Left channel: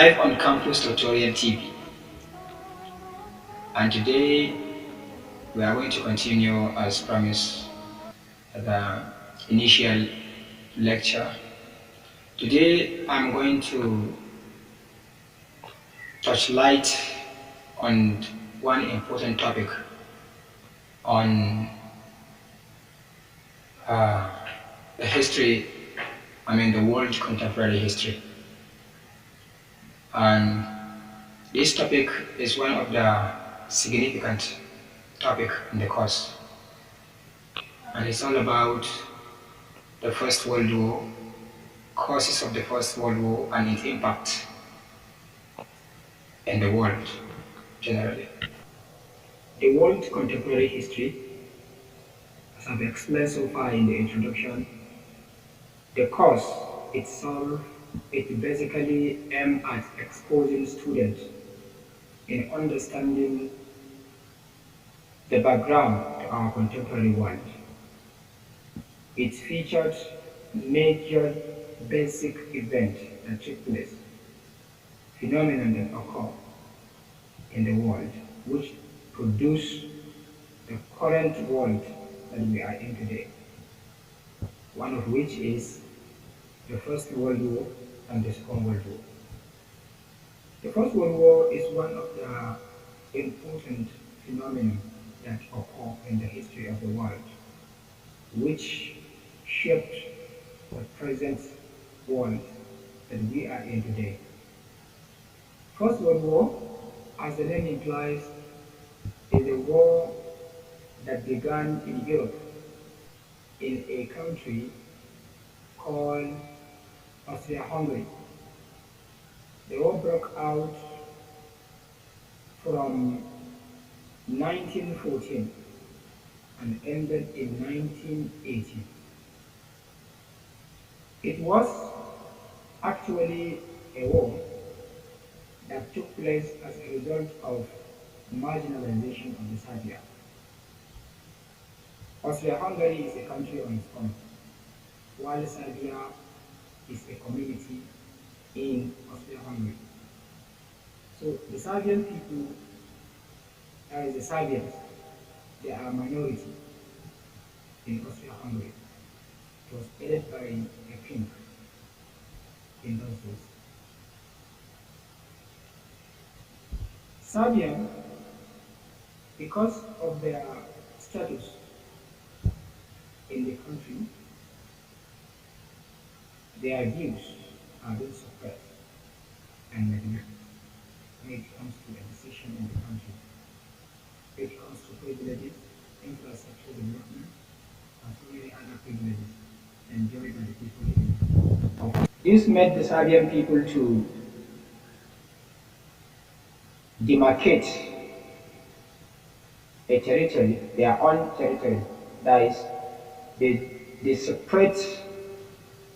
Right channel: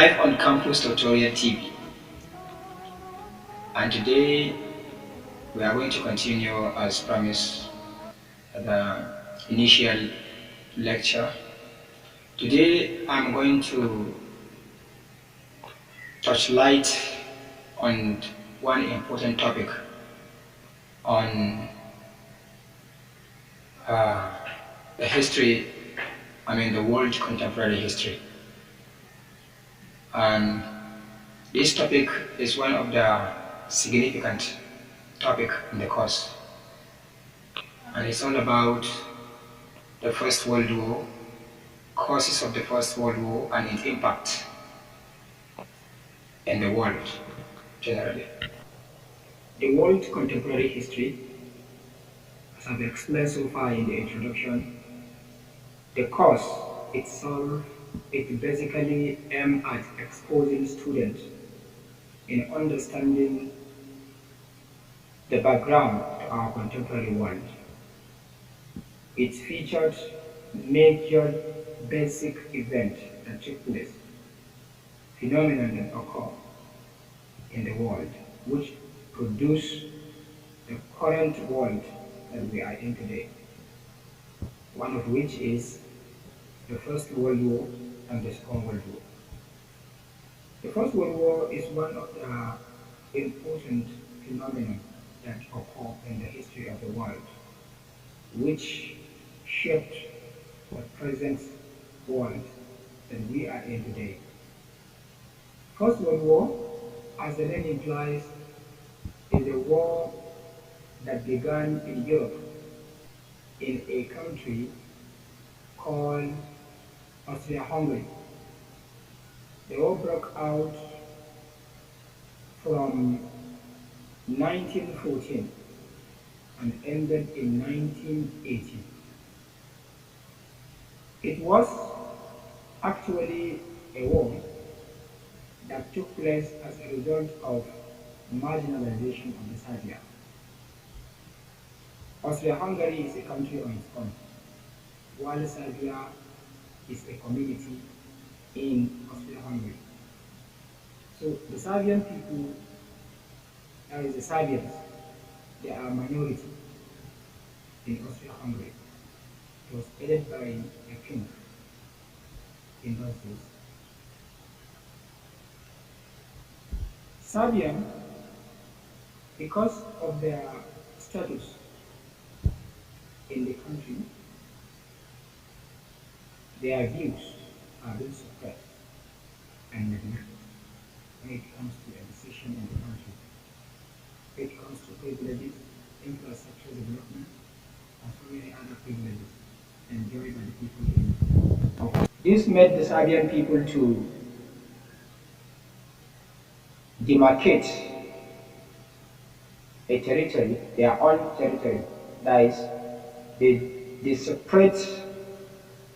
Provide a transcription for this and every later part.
live on Campus Tutorial TV, and today we are going to continue as promised the initial lecture. Today I'm going to touch light on one important topic on the history, the world contemporary history. And this topic is one of the significant topic in the course, and it's all about the First World War, causes of the First World War and its impact in the world generally. The world contemporary history, as I've explained so far in the introduction, the course itself, it basically aims at exposing students in understanding the background to our contemporary world. It featured major basic events that took place, phenomena that occur in the world, which produce the current world that we are in today. One of which is the First World War and the Second World War. The First World War is one of the important phenomena that occur in the history of the world, which shaped the present world that we are in today. First World War, as the name implies, is a war that began in Europe in a country called Austria-Hungary. The war broke out from 1914 and ended in 1980. It was actually a war that took place as a result of marginalization of the Serbia. Austria-Hungary is a country on its own, while Serbia is a community in Austria-Hungary. So the Serbian people, the Serbians, they are a minority in Austria-Hungary. It was headed by a king in those days. Serbian, because of their status in the country, their views are being suppressed and neglected when it comes to a decision in the country. When it comes to privileges, infrastructure development, and so many other privileges enjoyed by the people in. This made the Serbian people to demarcate a territory, their own territory. That is, they separate,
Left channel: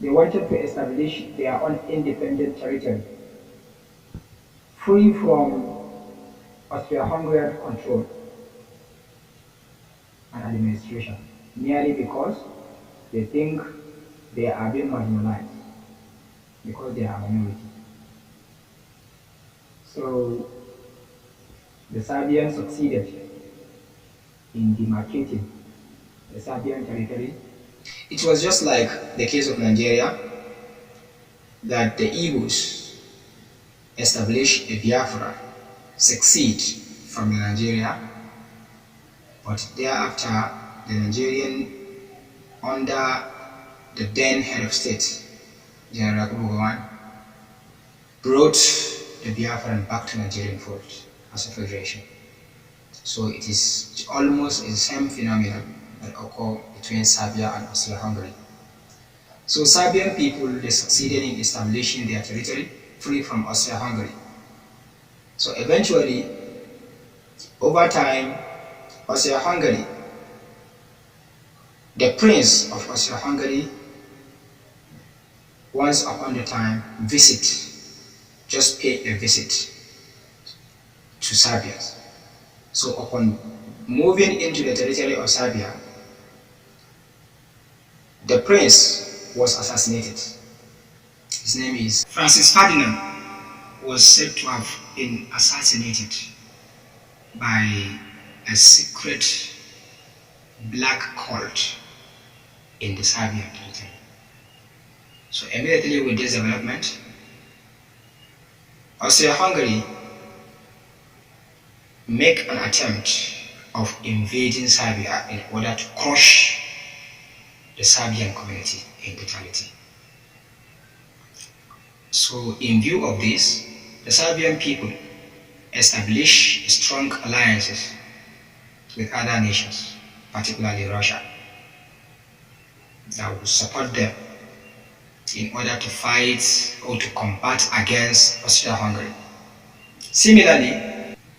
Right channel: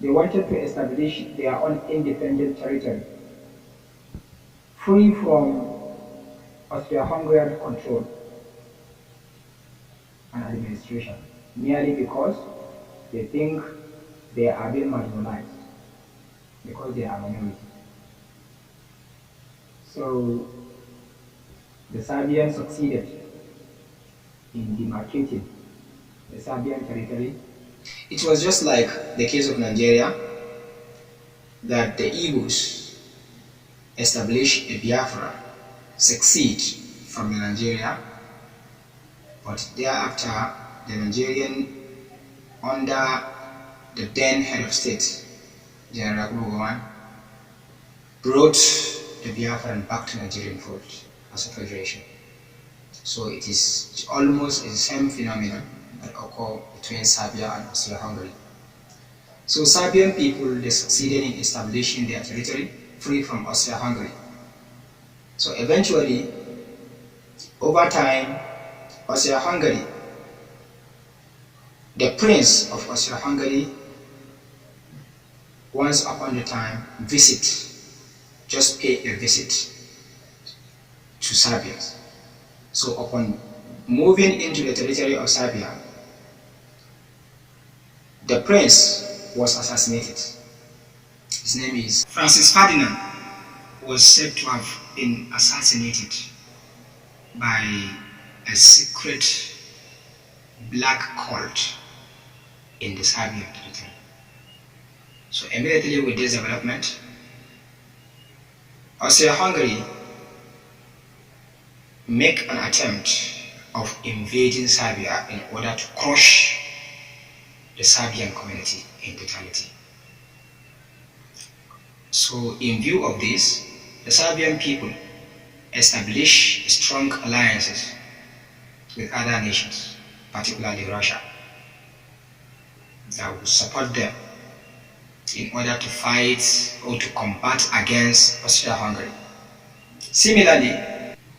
they wanted to establish their own independent territory, free from Austria-Hungarian control and administration, merely because they think they are being marginalized, because they are minorities. So the Serbians succeeded in demarcating the Serbian territory. It was just like the case of Nigeria, that the Igbos established a Biafra, succeed from Nigeria, but thereafter the Nigerian, under the then head of state, General Kubugawan, brought the Biafran back to Nigerian fold as a federation. So it is almost the same phenomenon that occur between Serbia and Austria-Hungary. So Serbian people, they succeeded in establishing their territory free from Austria-Hungary. So eventually, over time, Austria-Hungary, the prince of Austria-Hungary, once upon a time just pay a visit to Serbia. So upon moving into the territory of Serbia, the prince was assassinated. His name is Francis Ferdinand. was said to have been assassinated by a secret black cult in the Serbian territory. So immediately with this development, Austria-Hungary make an attempt of invading Serbia in order to crush the Serbian community in totality. So in view of this, the Serbian people establish strong alliances with other nations, particularly Russia, that will support them in order to fight or to combat against Austria-Hungary. Similarly,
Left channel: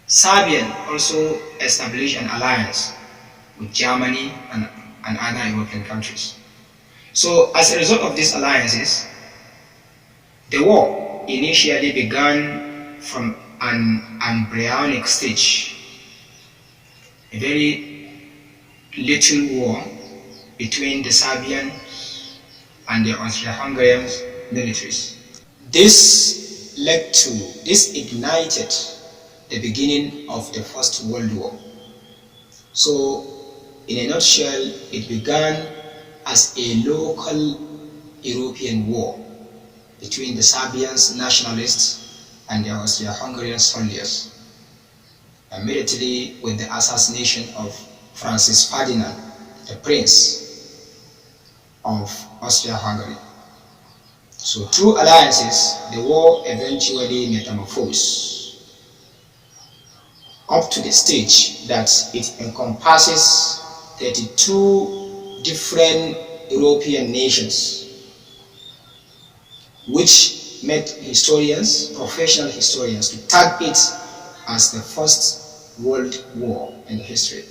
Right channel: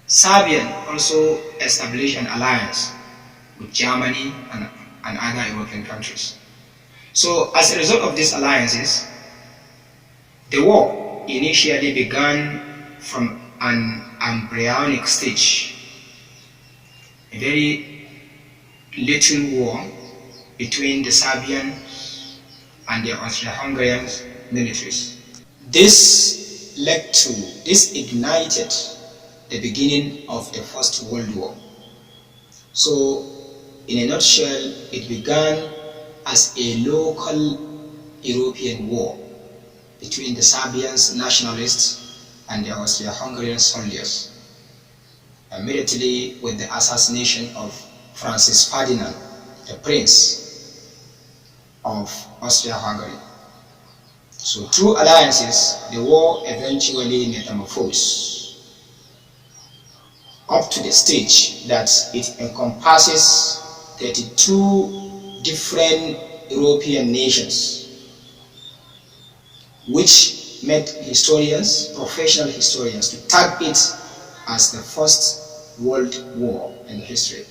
Serbia also established an alliance with Germany and other European countries. So as a result of these alliances, the war initially began from an embryonic stage, a very little war between the Serbian and the Austro-Hungarian militaries. This ignited the beginning of the First World War. So, in a nutshell, it began as a local European war between the Serbians nationalists and the Austro-Hungarian soldiers, immediately with the assassination of Francis Ferdinand, the Prince of Austria-Hungary. So through alliances, the war eventually metamorphosed up to the stage that it encompasses 32 different European nations, which made historians, professional historians, to tag it as the First World War in the history,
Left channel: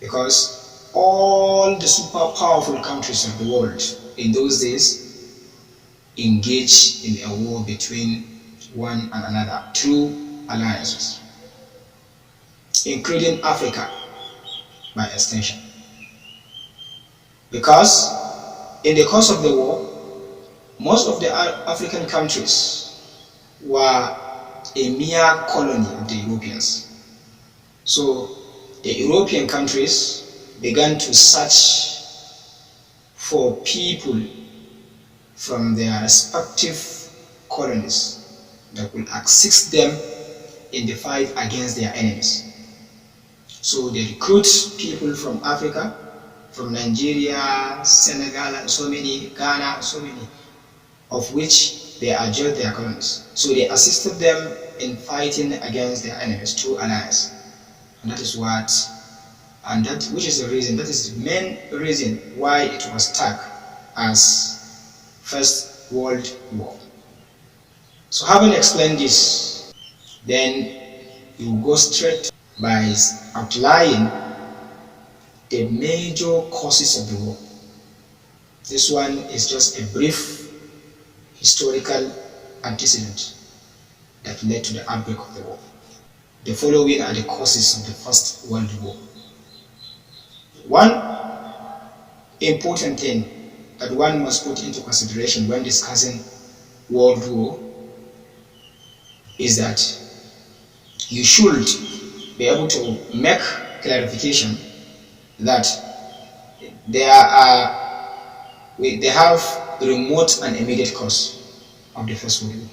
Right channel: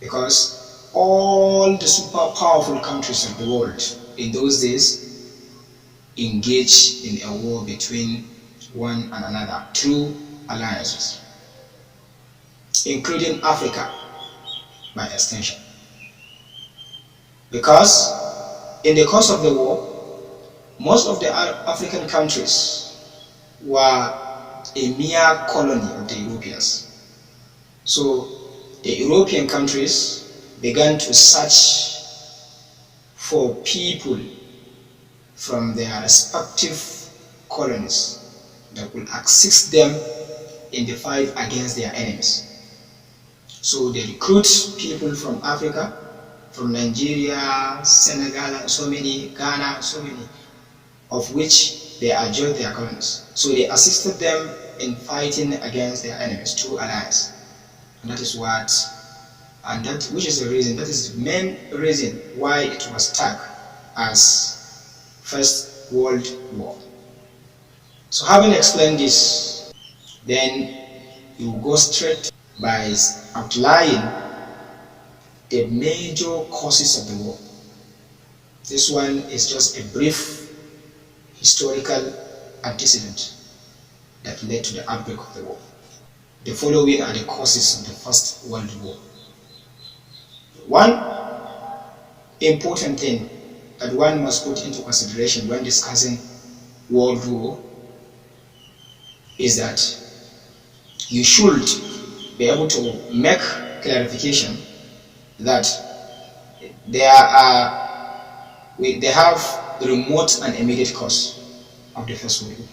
because all the super powerful countries of the world in those days engaged in a war between one and another through alliances, including Africa by extension. Because in the course of the war, most of the African countries were a mere colony of the Europeans. So the European countries began to search for people from their respective colonies that would assist them in the fight against their enemies. So they recruit people from Africa, from Nigeria, Senegal, and so many, Ghana, so many, of which they adjoined their colonies. So they assisted them in fighting against their enemies through alliance. And that is which is the reason, that is the main reason why it was tagged as First World War. So having explained this, then you go straight by outlining the major causes of the war. This one is just a brief historical antecedent that led to the outbreak of the war. The following are the causes of the First World War. One important thing that one must put into consideration when discussing World War is that you should be able to make clarification that they have remote and immediate cause of the First World War.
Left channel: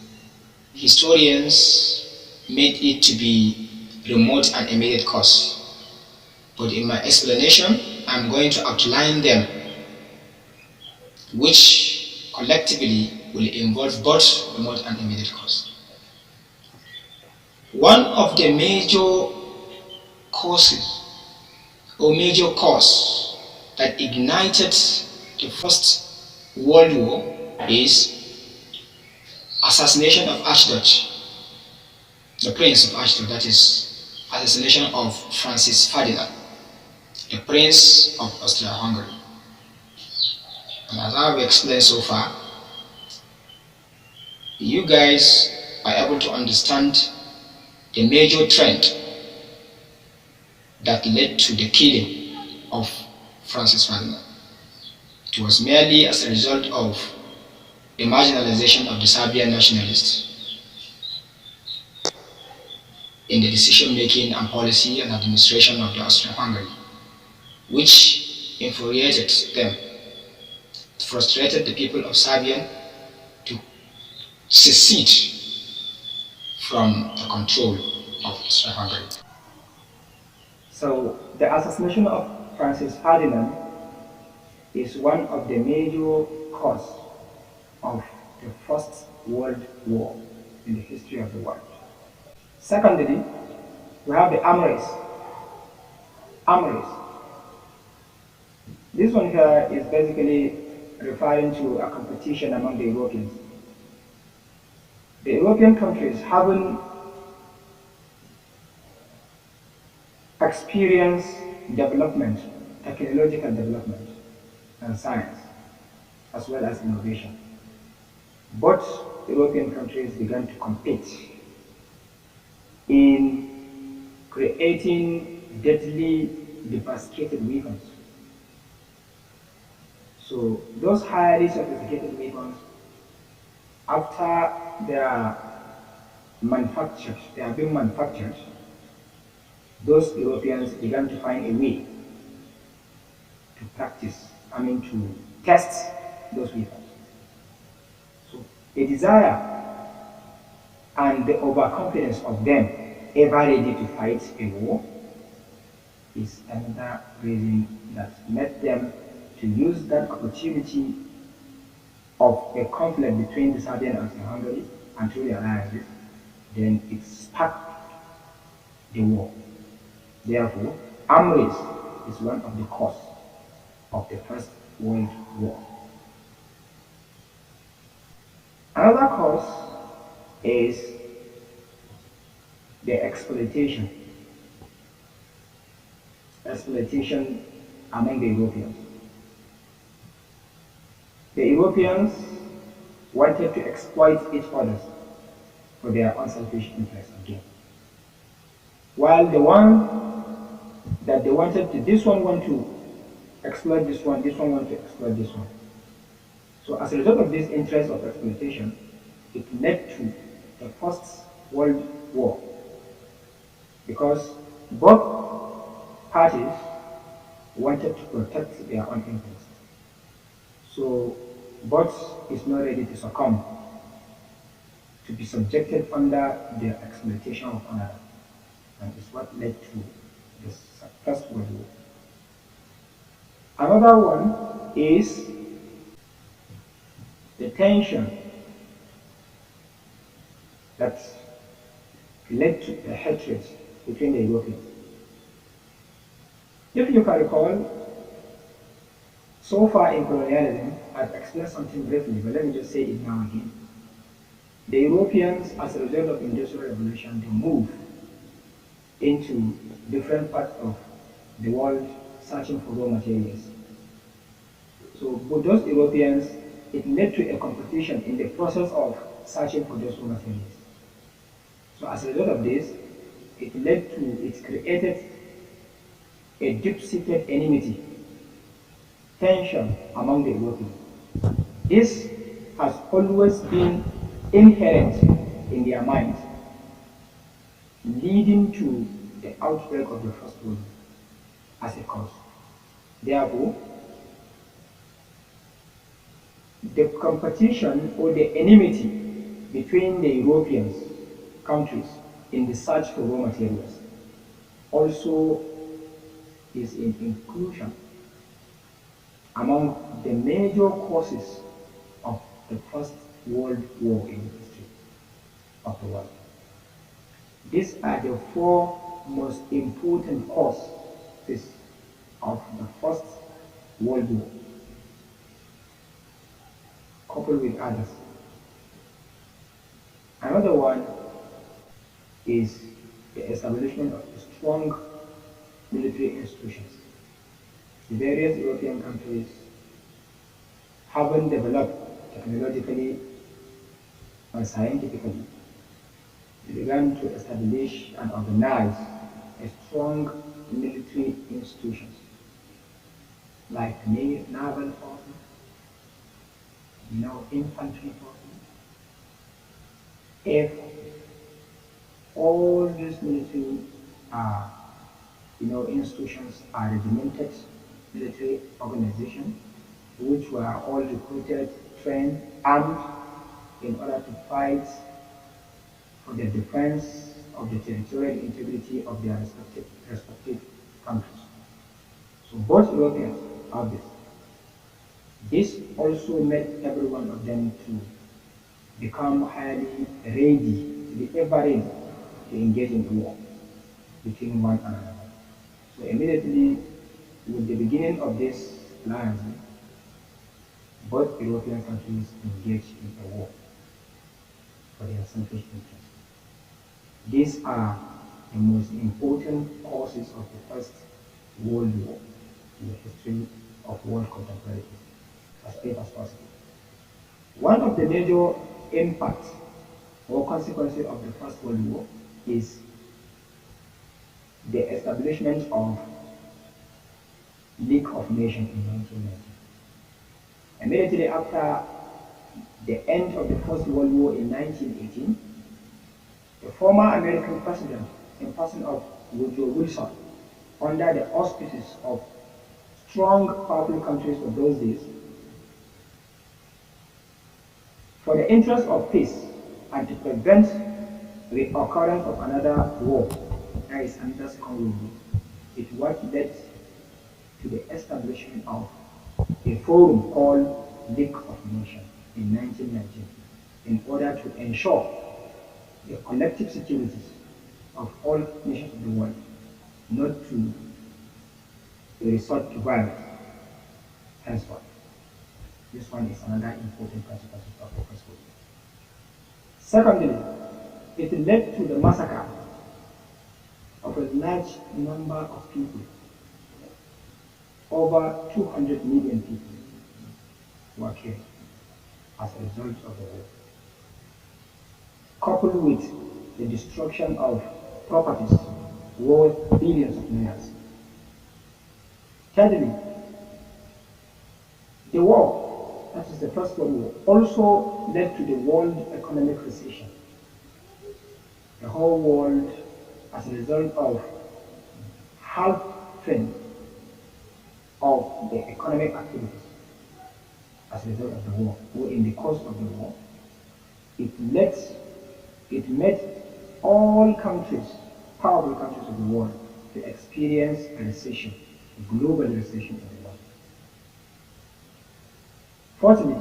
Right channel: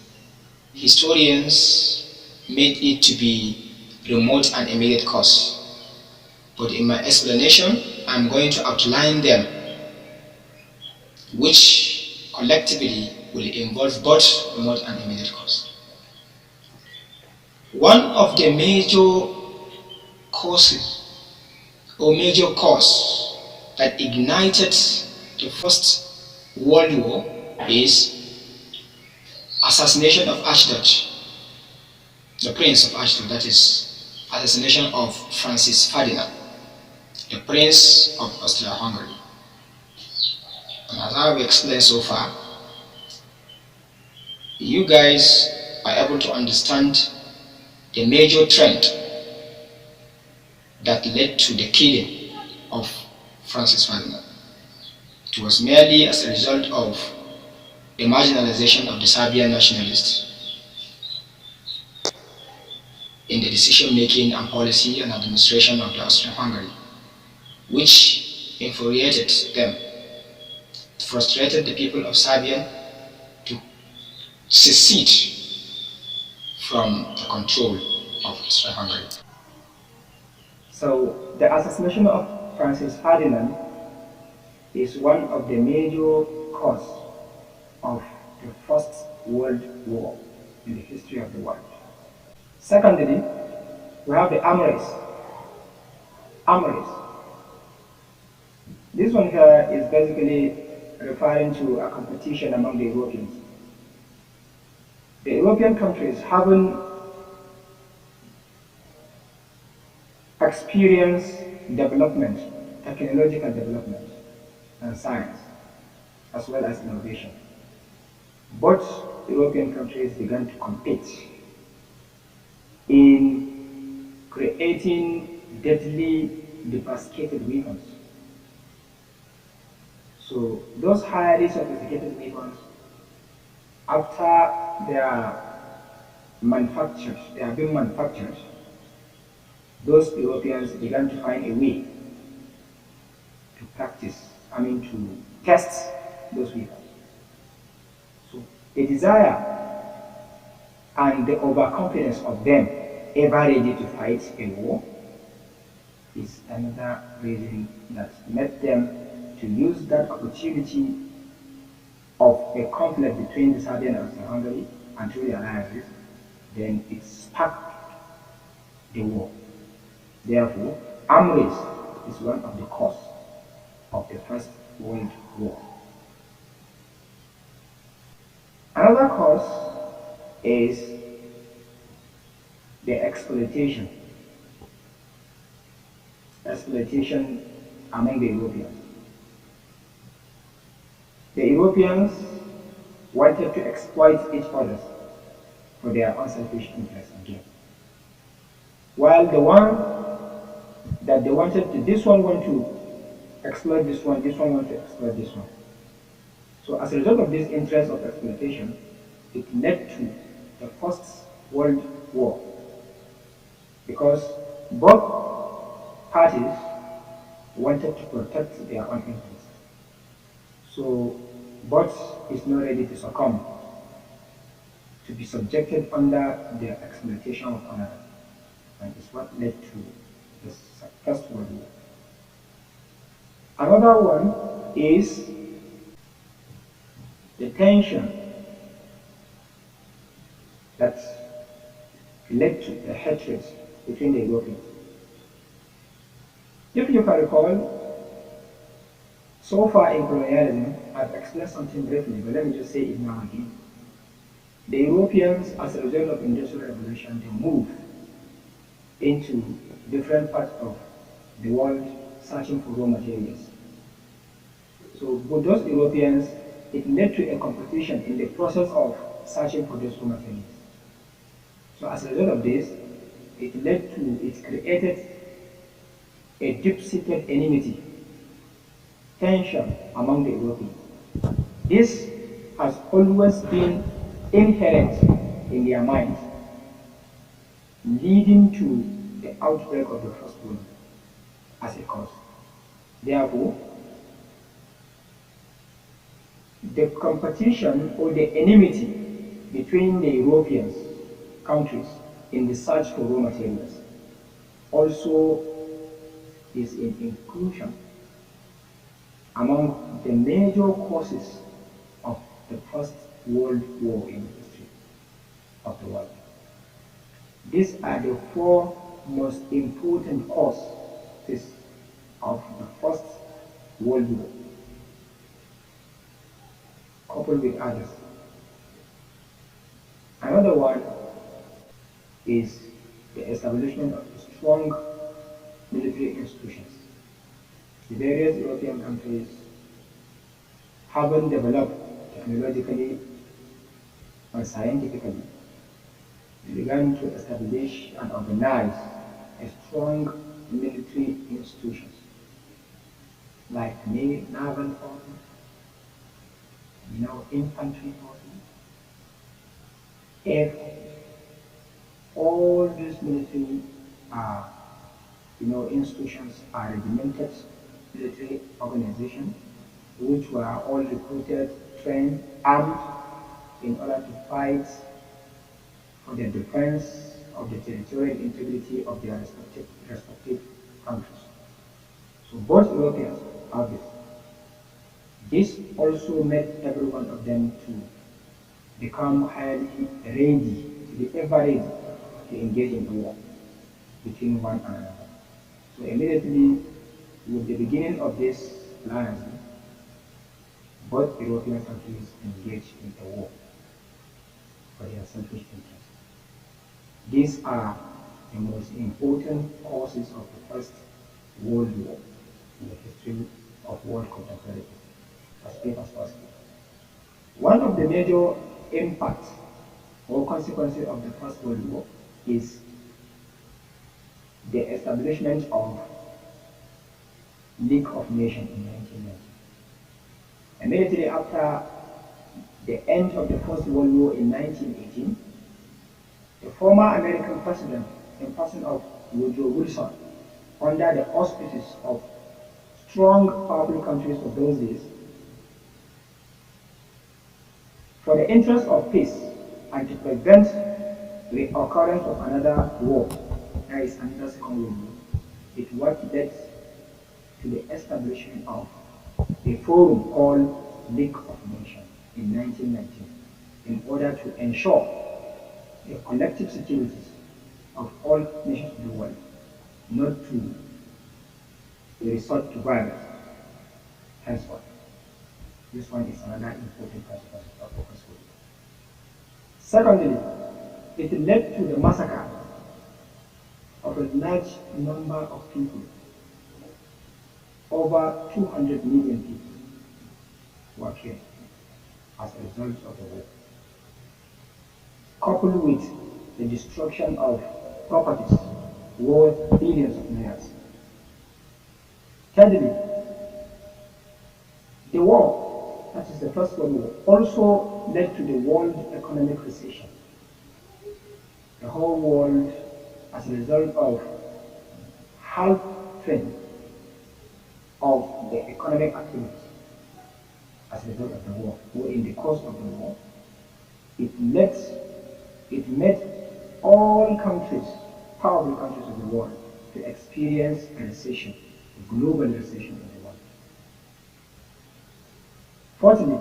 Historians made it to be remote and immediate cause, but in my explanation I'm going to outline them, which collectively will involve both remote and immediate cause. One of the major causes or major cause that ignited the First World War is assassination of Archduke, the Prince of Archduke, that is assassination of Francis Ferdinand, the Prince of Austria-Hungary. And as I've explained so far, you guys are able to understand the major trend that led to the killing of Francis Ferdinand. It was merely as a result of the marginalization of the Serbian nationalists in the decision making and policy and administration of the Austro-Hungary, which infuriated them, frustrated the people of Serbia to secede from the control of Austro-Hungary. So the assassination of Francis Ferdinand is one of the major causes of the First World War in the history of the world. Secondly, we have the armories. Armories. This one here is basically referring to a competition among the Europeans. The European countries haven't experienced development, technological development, and science, as well as innovation. Both European countries began to compete in creating deadly, devastated weapons. So those highly sophisticated weapons, after they are being manufactured, those Europeans began to find a way to test those weapons. So the desire and the overconfidence of them ever ready to fight a war is another reason that made them to use that opportunity of a conflict between the Serbian and Hungary and through the alliances, then it sparked the war. Therefore, armories is one of the causes of the First World War. Another cause is the exploitation among the Europeans. The Europeans wanted to exploit each other for their unselfish interest and gain. While the one that they wanted to, this one want to exploit this one want to exploit this one. So as a result of this interest of exploitation, it led to the First World War, because both parties wanted to protect their own interests. So both is not ready to succumb to be subjected under the exploitation of another, and is what led to the First World War. Another one is the tension that led to a hatred between the Europeans. If you can recall, so far in colonialism, I've explained something briefly, but let me just say it now again. The Europeans, as a result of Industrial Revolution, they moved into different parts of the world searching for raw materials. So with those Europeans, it led to a competition in the process of searching for those raw materials. So as a result of this, it created a deep-seated enmity, tension among the Europeans. This has always been inherent in their minds, leading to the outbreak of the First World War as a cause. Therefore, the competition or the enmity between the European countries in the search for raw materials also is in inclusion among the major causes of the First World War in the history of the world. These are the four most important causes of the First World War, coupled with others. Another one is the establishment of strong military institutions. The various European countries haven't developed technologically and scientifically. They began to establish and organize a strong military institutions like naval forces, infantry forces, air forces, All these military institutions are regimented military organizations which were all recruited, trained, armed in order to fight for the defense of the territorial integrity of their respective countries. So both Europeans have this. This also made every one of them to become highly ready, to be ever ready to engage in a war between one another. So immediately with the beginning of this alliance, both European countries engaged in a war for their selfish interests. These are the most important causes of the First World War in the history of world contemporary as brief as possible. One of the major impacts or consequences of the First World War is the establishment of League of Nations in 1990. Immediately after the end of the First World War in 1918, the former American president, in person of Woodrow Wilson, under the auspices of strong, powerful countries of those days, for the interest of peace and to prevent the occurrence of another war, that is another Second World War, it what led to the establishment of a forum called League of Nations in 1919 in order to ensure the collective securities of all nations of the world, not to resort to violence henceforth. This one is another important consequence of the First World War. Secondly, it led to the massacre of a large number of people. Over 200 million people were killed as a result of the war, coupled with the destruction of properties worth billions of dollars. Thirdly, the war, that is the First World War, also led to the world economic recession. The whole world, as a result of halting of the economic activities as a result of the war, or in the course of the war, it made all countries, powerful countries of the world, to experience a recession, a global recession in the world. Fourthly,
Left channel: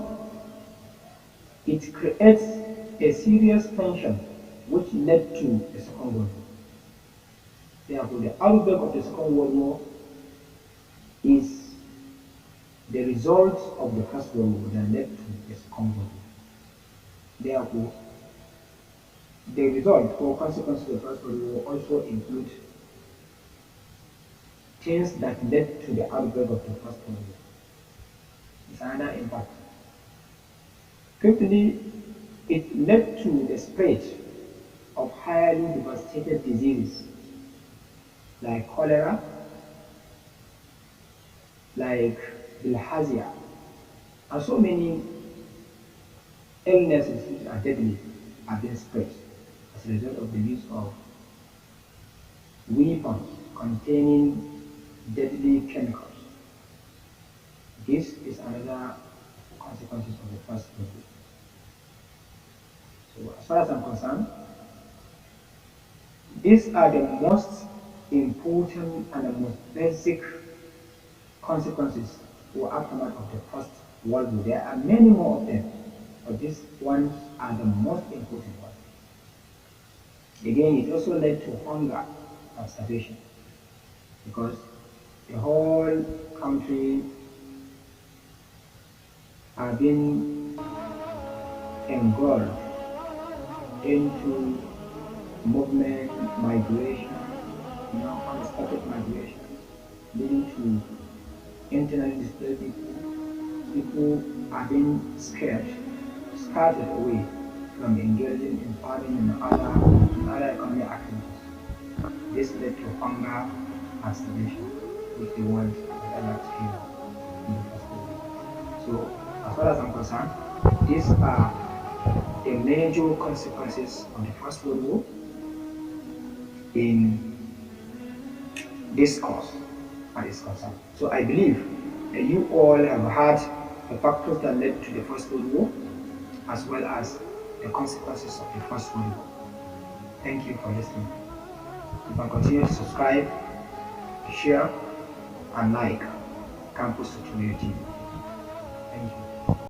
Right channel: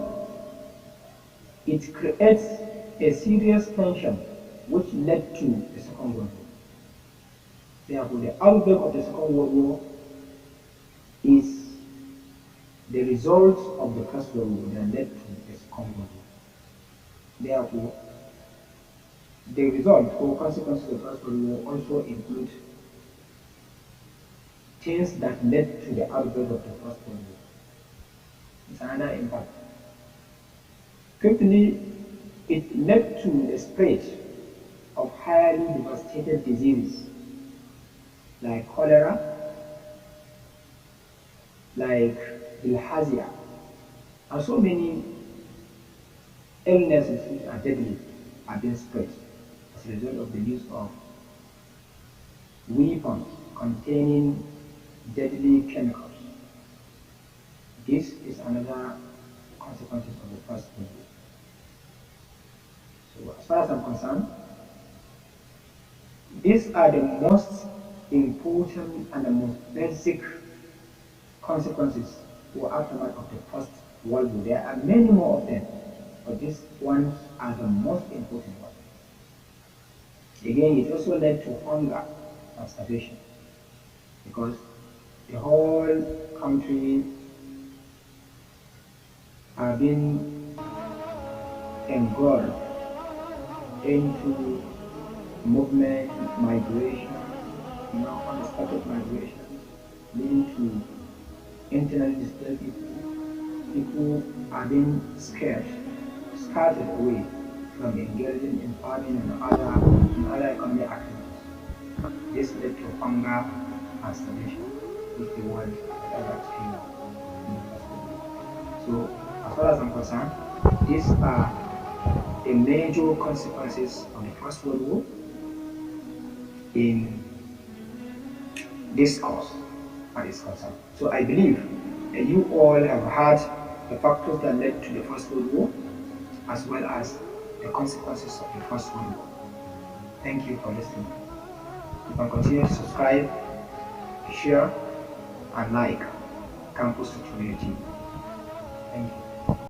it creates a serious tension which led to the Second World War. Therefore, the outbreak of the Second World War is the result of the First World War that led to the Second World War. Therefore, the result or consequences of the First World War also include things that led to the outbreak of the First World War. It's another impact. Fifthly, it led to the spread of highly devastated diseases like cholera, like bilharzia, and so many illnesses which are deadly are being spread as a result of the use of weapons containing deadly chemicals. This is another consequences of the First World War. So as far as I'm concerned, these are the most important and the most basic consequences or aftermath of the First World War. There are many more of them, but these ones are the most important ones. Again, it also led to hunger and starvation because the whole country are being engulfed into movement, migration, unexpected migration, leading to internally displaced people. People are being scattered away from engaging in farming and other economic activities. This led to hunger and starvation, which the world has ever experienced in the First World War. So, as far as I'm concerned, these are the major consequences of the First World War. in this course as is concerned. So I believe that you all have heard the factors that led to the First World War as well as the consequences of the First World War. Thank you for listening. You can continue to subscribe, share, and like Campus Tutorial TV. Thank you.